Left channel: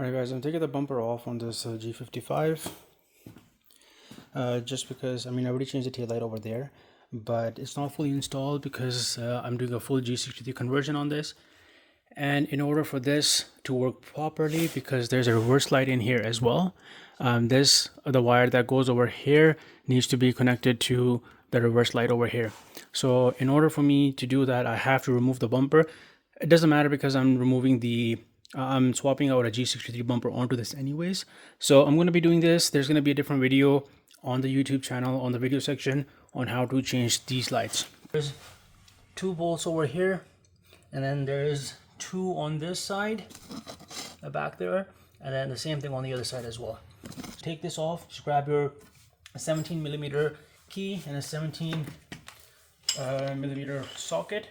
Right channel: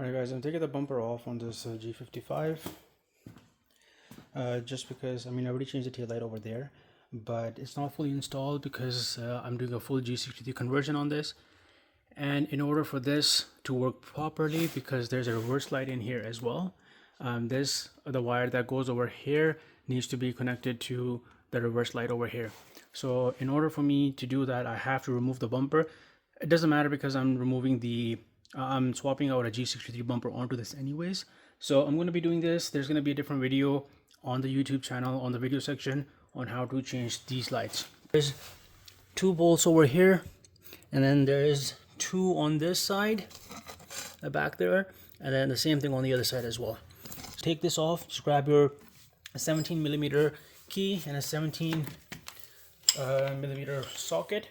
Alright guys, I'm taking the bumper off on this G55 just because, I already changed the tail light over there, but it's not fully installed because I'm doing a full G63 conversion on this. And in order for this to work properly, because there's a reverse light in here as well, the wire that goes over here needs to be connected to the reverse light over here. So in order for me to do that, I have to remove the bumper. It doesn't matter because I'm swapping out a G63 bumper onto this anyways. So I'm going to be doing this. There's going to be a different video on the YouTube channel, on the video section, on how to change these lights. There's 2 bolts over here, and then there's 2 on this side, the back there, and then the same thing on the other side as well. Take this off, just grab your 17mm key and a 17mm socket.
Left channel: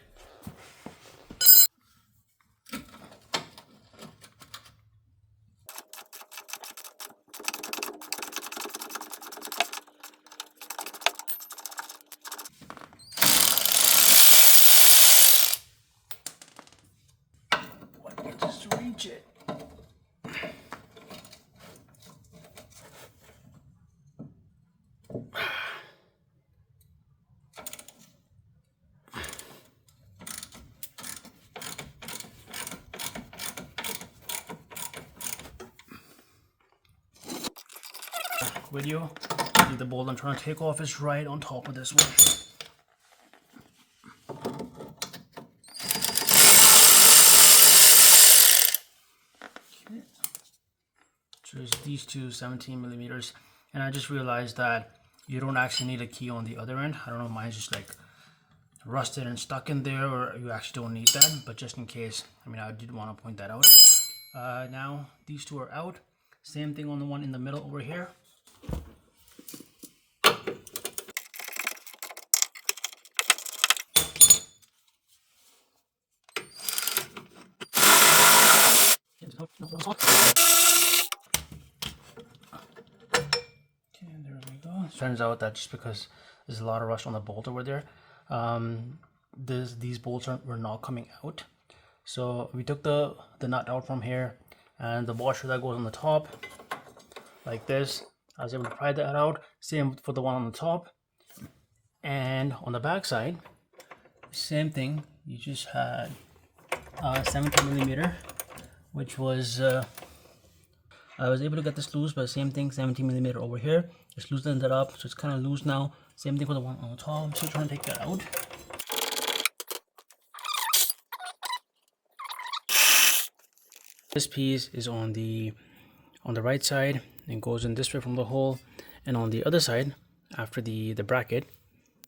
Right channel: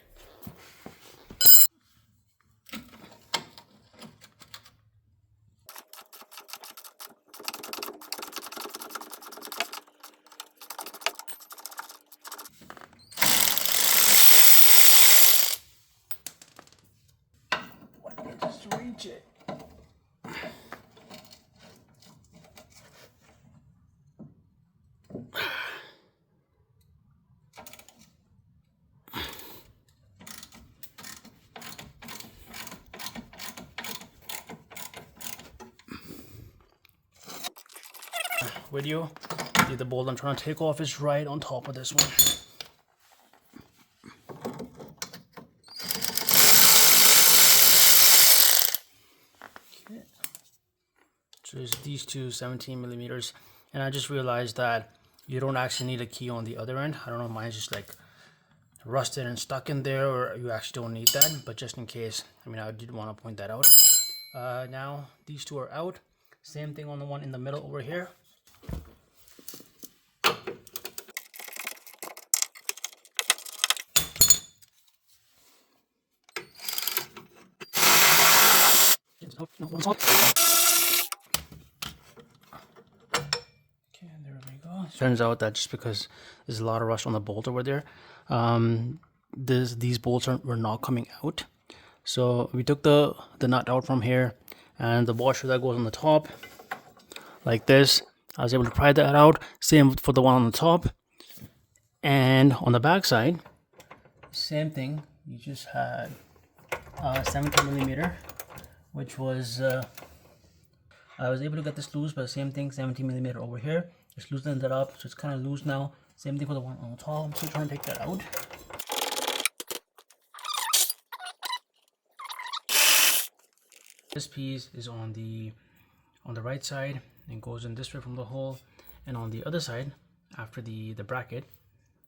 Just reach it. Video. See, the bolt I'm trying to take off is right on top of this one. Okay. So there's these 2 17mm, and I just realized that you don't actually need a key on the other end. I don't know, mine's just like rusted and stuck in there, or you actually don't need that, but just in case, I did want to point that out. Now these 2 are out. Same thing on the one in the middle over here. Okay, there we go. Turns out that just because there's a lot of rust on the bolt over there, these bolts were not coming out. So we took the nut out from here, and the washer that goes on the top, like this, I was able to pry that out. Same for the one on the top. And on the back side, same thing. You just had 17mm, which was I was able to get this loose, but same thing, 17mm over here. Just loosened it up, so it's kind of loose now. Same thing for the one on the top. I'm still trying to take that out. This piece is on the right side and goes in this way from the hole, and on the other side, after the bracket,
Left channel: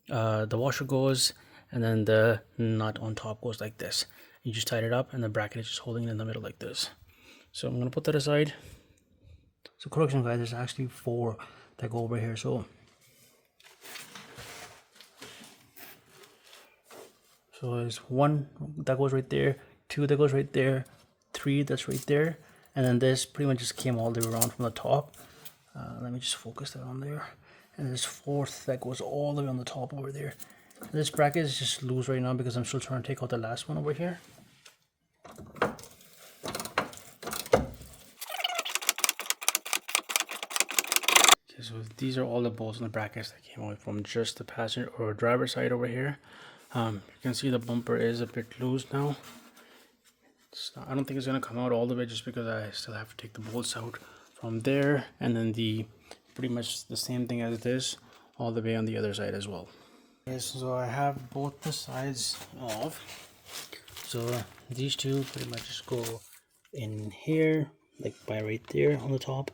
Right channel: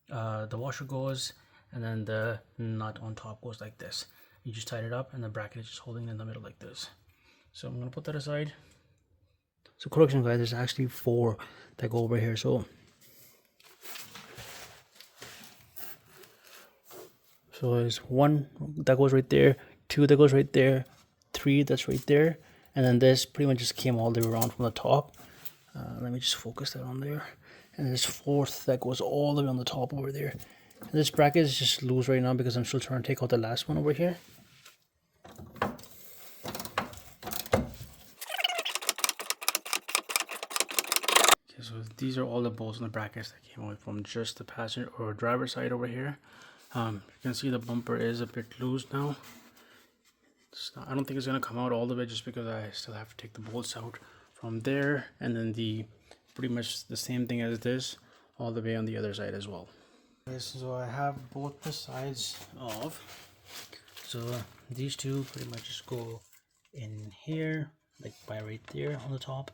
the washer goes, and then the nut on top goes like this. You just tied it up, and the bracket is just holding it in the middle like this. So I'm gonna put that aside. So correction guys, there's actually 4 that go over here. So there's 1 that goes right there, 2 that goes right there, 3 that's right there, and then this pretty much just came all the way around from the top. Let me just focus that on there. And there's 4th that goes all the way on the top over there. And this bracket is just loose right now because I'm still trying to take out the last one over here. So these are all the bolts and the brackets that came out from just the passenger or driver side over here. You can see the bumper is a bit loose now. I don't think it's going to come out all the way just because I still have to take the bolts out from there, and then pretty much the same thing as this all the way on the other side as well. Okay, so I have both the sides off. So these 2 pretty much just go in here, like by right there on the top.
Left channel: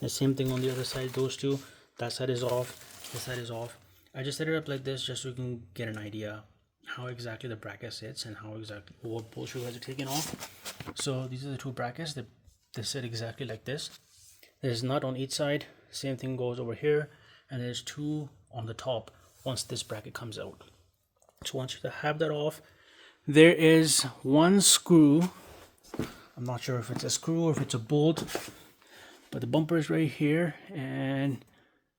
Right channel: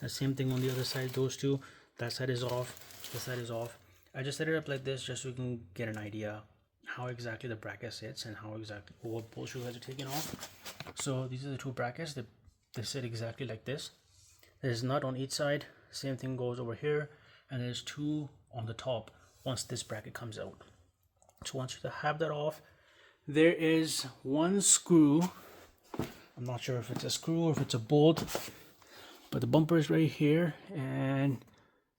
The same thing on the other side, those 2. That side is off, this side is off. I just set it up like this just so you can get an idea how exactly the bracket sits and how exactly what bolts you guys are taking off. So these are the 2 brackets. They sit exactly like this. There's a nut on each side. Same thing goes over here, and there's 2 on the top once this bracket comes out. So once you have that off, there is 1 screw. I'm not sure if it's a screw or if it's a bolt, but the bumper is right here, and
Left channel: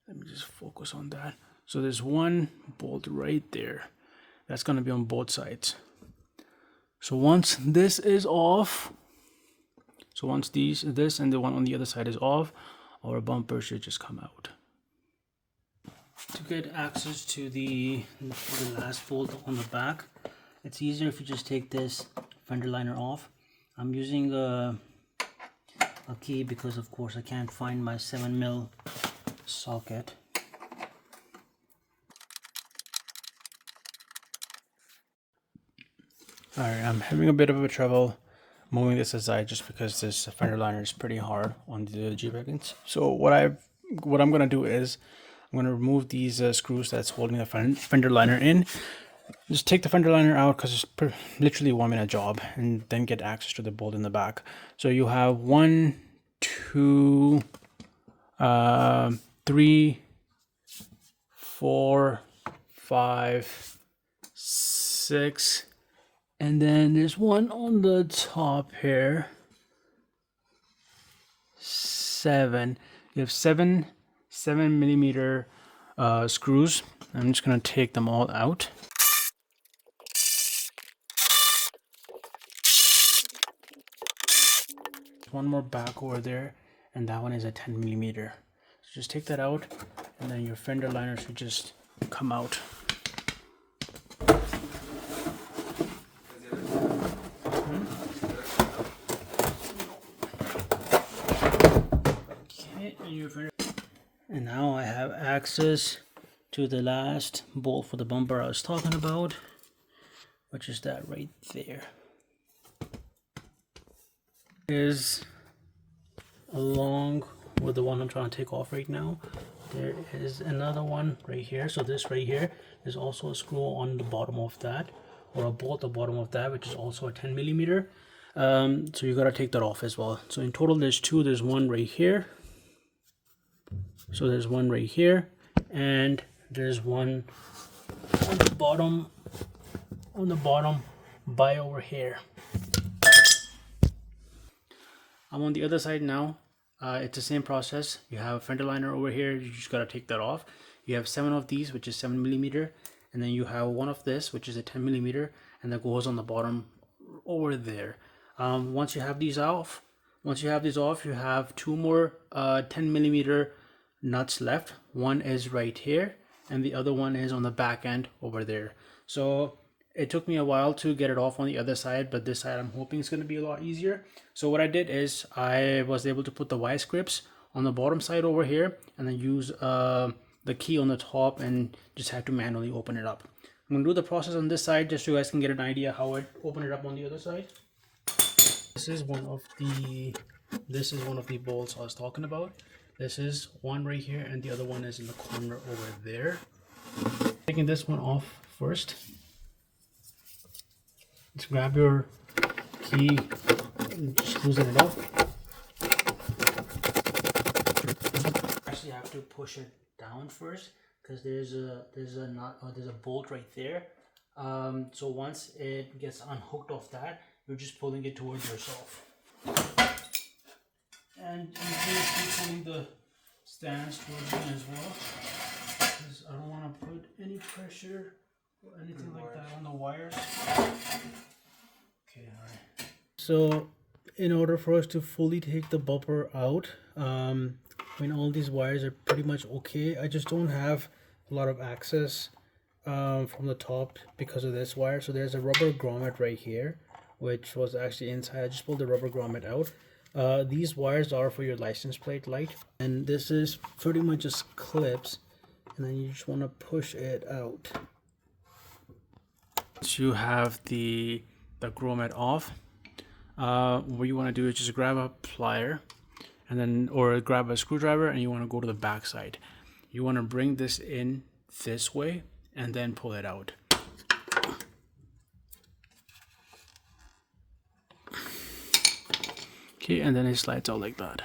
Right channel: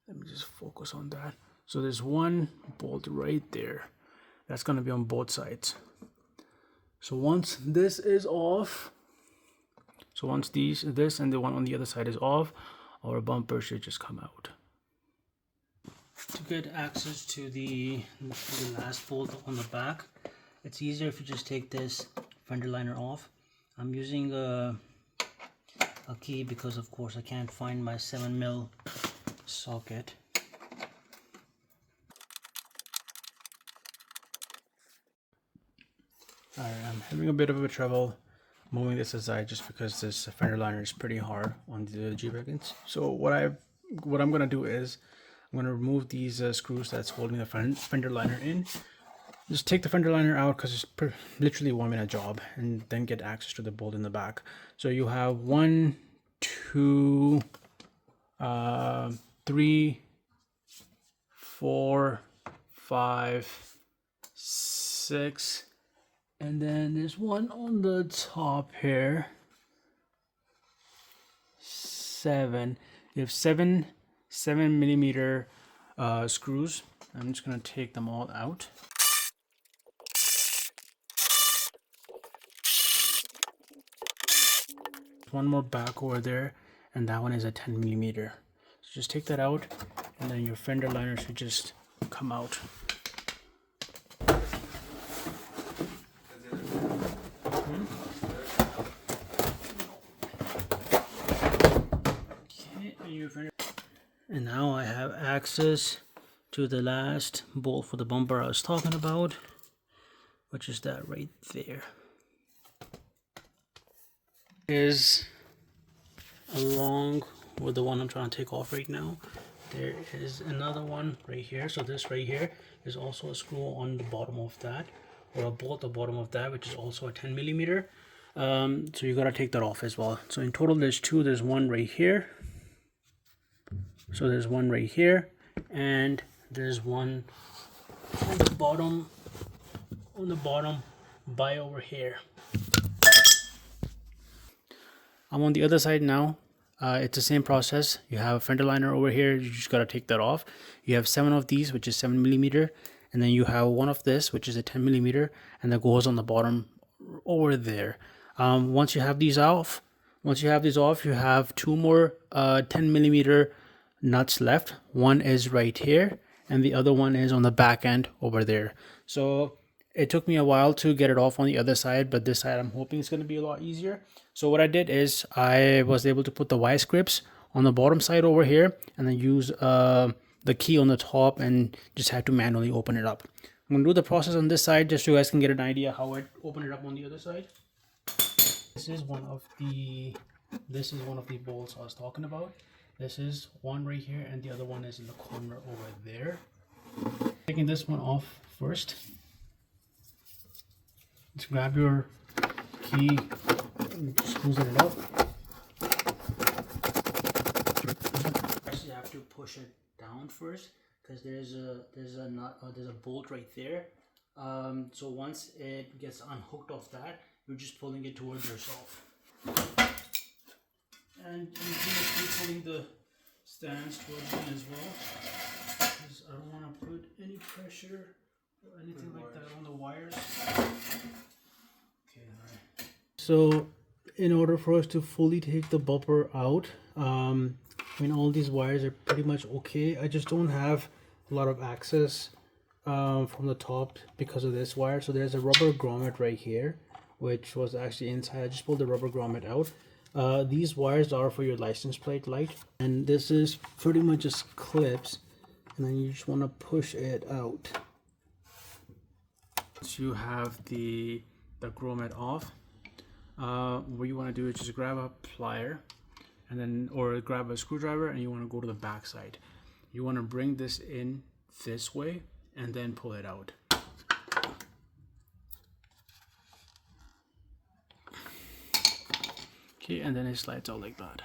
let me just focus on that. So there's 1 bolt right there. That's going to be on both sides. So once this is off, So once this and the one on the other side is off, our bumper should just come out. To get access to the last bolt on the back, it's easier if you just take this fender liner off. I'm using a key because of course I can't find my 7mm socket. Alright, I'm having a bit of a trouble moving this aside just because this fender liner is pretty hard on the G-Wagons. So what I'm gonna do is I'm gonna remove these screws that's holding the fender liner in. Just take the fender liner out because it's literally a 1 minute job, and then get access to the bolt in the back. So you have 1, 2, 3, 4, 5, 6, and then there's one on the top here. 7. You have 7mm screws. I'm just gonna take them all out. One more back over there, and that one is a 10mm. So just take that out, and then your fender liner should just come out. Okay, and now I have access to the last bolt for the bumper I was talking about, which is that right there. Is along with the one I'm trying to take off right now. There is another one right here. So this right here is also a screw on the bottom of that, or a bolt at the bottom of that, which is also a 10mm. So you gotta take that off as well. So in total there's 2. There's one right here. So there's one right here, and there's one on the bottom by over here. I'm on the other side now. It's the same process. You have a fender liner over here. You just gotta take that off. You have 7 of these, which is 7mm, and then you have one of this, which is a 10mm, and that goes on the bottom over there. Once you have these off, you have 2 more 10mm nuts left. One is right here, and the other one is on the back end over there. So it took me a while to get it off on the other side, but this side I'm hoping it's going to be a lot easier. So what I did is I was able to put the vice grips on the bottom side over here, and then use the key on the top, and just had to manually open it up. I'm going to do the process on this side just so you guys can get an idea how I open it up on the other side. This is one of the bolts I was talking about. This is one right here, and the other one is in the corner over there. Taking this one off first. Just grab your key and just loosen it up. Actually, I have to push it down first because there's a bolt right there. So once it gets unhooked off that, you're just pulling it towards yourself. And I'm going to keep pulling the stands towards me as well, because I don't want to put any pressure or anything like that on the wires. Okay, alright. So in order for us to fully take the bumper out, I mean, all these wires are pretty much okay. I just don't have a lot of access from the top because of this wire. So there's a rubber grommet right here, which was actually inside. I just pulled the rubber grommet out. These wires are for your license plate light, and this is pretty much just clips, and then you just want to push it out. Once you have the grommet off, what you want to do is just grab a plier, and then or grab a screwdriver, and you want to go to the back side. You want to bring this in this way and then pull it out. Okay, and then it slides out like that.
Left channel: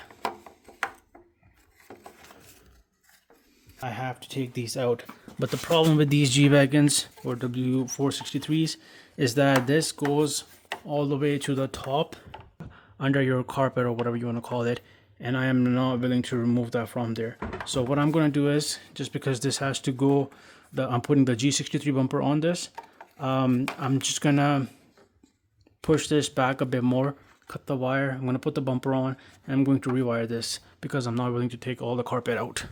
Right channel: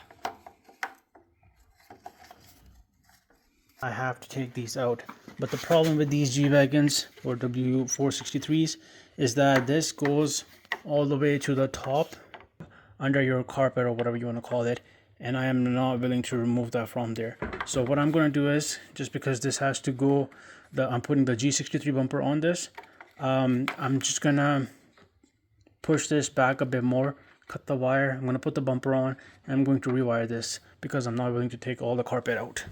I have to take these out, but the problem with these G-Wagons or W463s is that this goes all the way to the top under your carpet or whatever you want to call it, and I am not willing to remove that from there. So what I'm going to do is, just because this has to go, I'm putting the G63 bumper on this, I'm just gonna push this back a bit more cut the wire. I'm going to put the bumper on, and I'm going to rewire this because I'm not willing to take all the carpet out.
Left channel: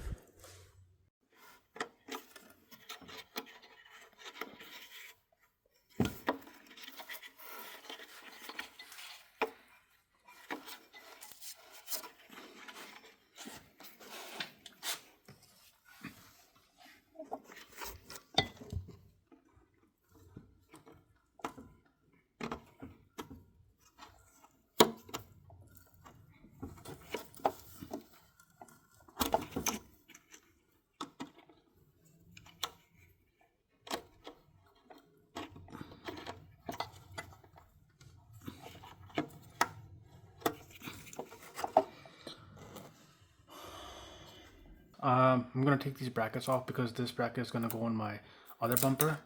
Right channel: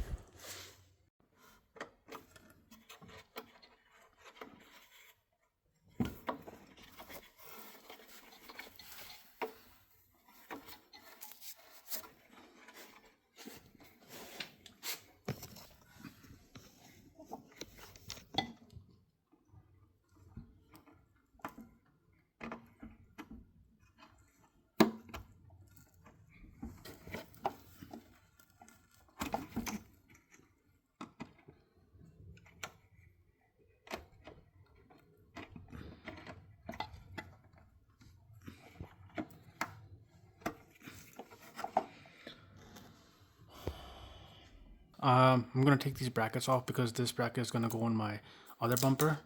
I'm gonna take these brackets off because this bracket is gonna go on my other bumper.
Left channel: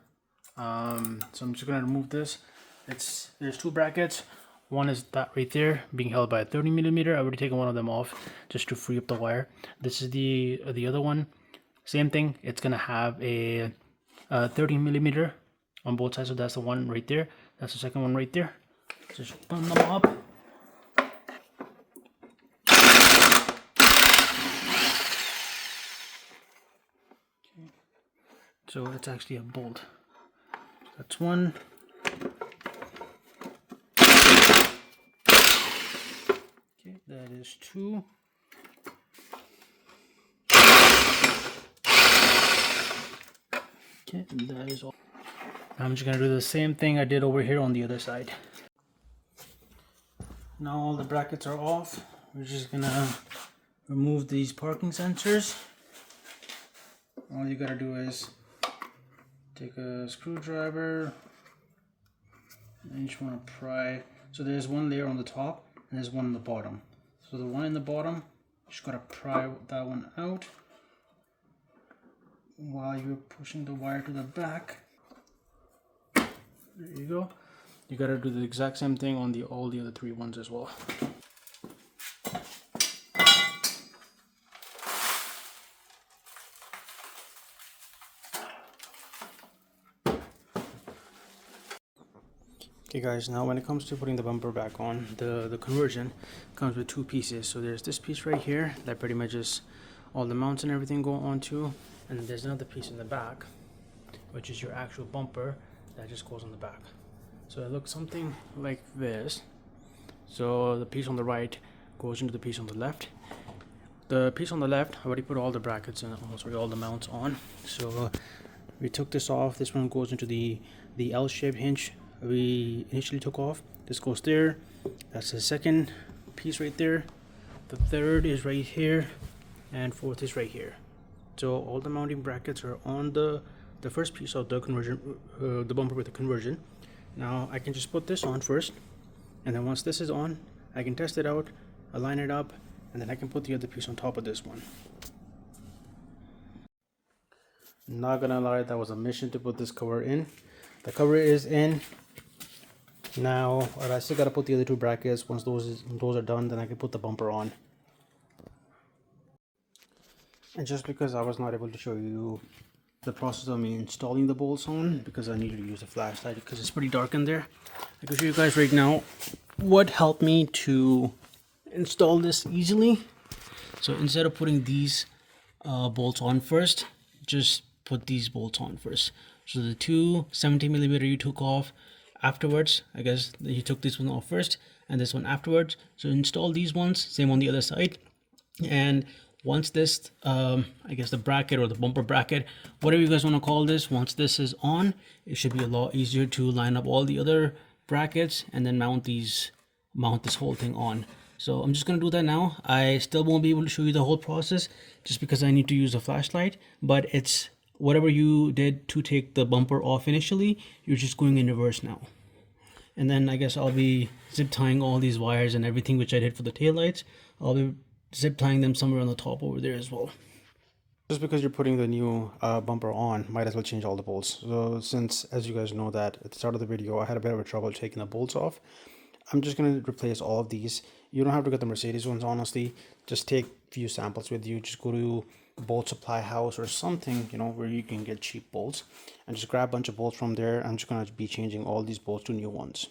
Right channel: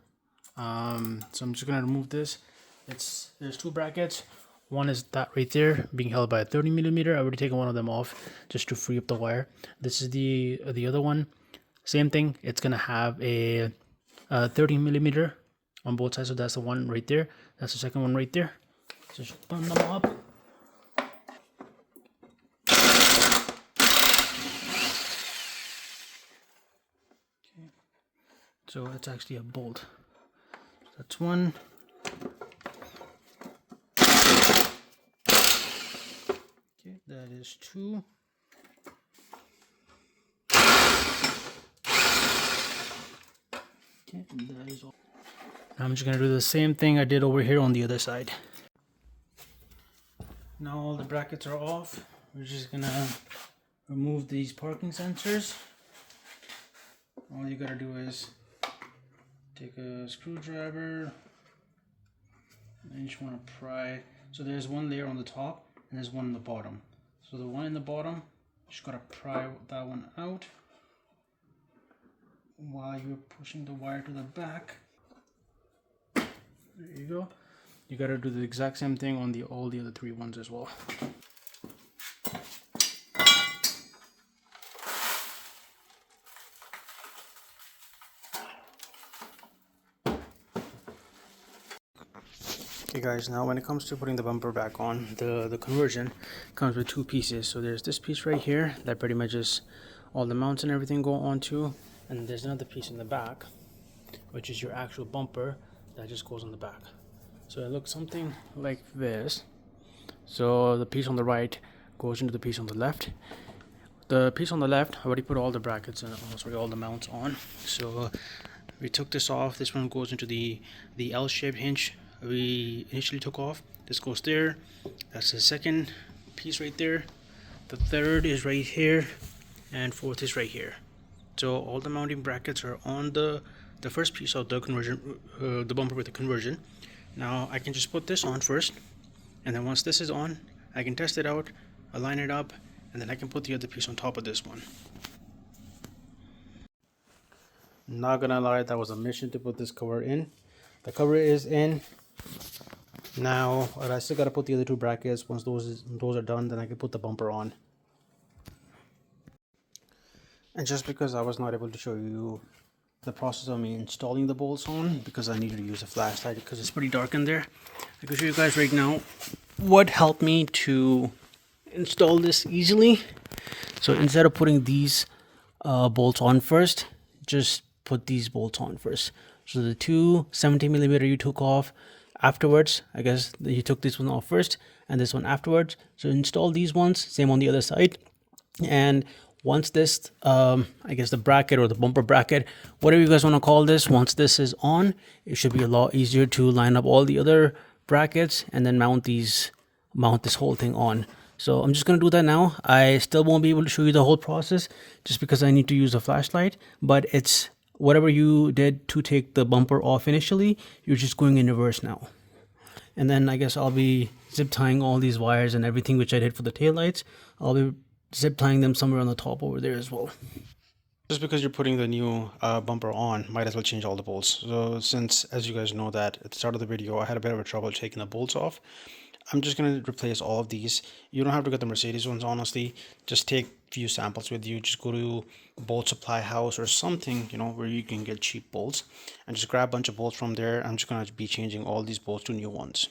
So I'm just gonna remove this. There's two brackets. One is that right there being held by a 30mm. I already taken one of them off just to free up the wire. This is the other one. Same thing. It's gonna have a 30mm on both sides. So that's the one right there. That's the second one right there. Just button them up. So it's actually a bolt. That's one. Okay, that is two. Okay, that is all. Now I'm just gonna do the same thing I did over here on the other side. Now all the brackets are off. We're just gonna remove these parking sensors. All you gotta do is take a screwdriver and you just want to pry. So there's one layer on the top and there's one on the bottom. So the one in the bottom, you just gotta pry that one out while you're pushing the wire to the back. There you go. You gotta do the exact same thing on all the other three ones as well. Okay guys, now when it comes to putting the bumper back on, the conversion comes with two pieces. So there's this piece right here that pretty much is all the mounts and everything go onto, and then there's another piece in the back, which is your actual bumper that just goes on the back. So it looks something like this. So the piece on the right goes into the piece on the left. The piece on the left, I already put all the brackets and all the mounts on. So we took this off. This one goes into the L-shaped hinge we initially took off. This goes there. That's the second piece right there. The third is right here, and fourth is right here. So all the mounting brackets are on the first piece of the conversion, the bumper with the conversion. Now I can just put this on first, and then once this is on, I can test it out, align it up, and then I can put the other piece on top of this one. Not gonna lie, that was a mission to put this cover in. The cover is in. Now I still gotta put the other two brackets. Once those are done, then I can put the bumper on. And just because I was not able to show you the process of me installing the bolts on, because I needed to use a flashlight because it's pretty dark in there, I can show you guys right now what helped me to install this easily. So instead of putting these bolts on first, just put these bolts on first. So the two 17mm you took off afterwards, I guess you took this one off first and this one afterwards. So install these ones, same on the other side. And once this I guess the bracket or the bumper bracket, whatever you guys want to call this, once this is on, it should be a lot easier to line up all the other brackets and then mount this whole thing on. So I'm just going to do that now. I still won't be able to show you the whole process just because I need to use a flashlight, but it's whatever you did to take the bumper off initially, you're just going in reverse now. And then I guess I'll be zip tying all these wires and everything which I did for the taillights. I'll be zip tying them somewhere on the top over there as well. Just because you're putting the new bumper on, might as well change all the bolts. So since, as you guys know, that at the start of the video I had a bit of a trouble taking the bolts off, I'm just going to replace all of these. You don't have to get the Mercedes ones, honestly. Just take a few samples with you. Just go to bolt supply house or something, you know, where you can get cheap bolts, and just grab a bunch of bolts from there. I'm just going to be changing all these bolts to new ones.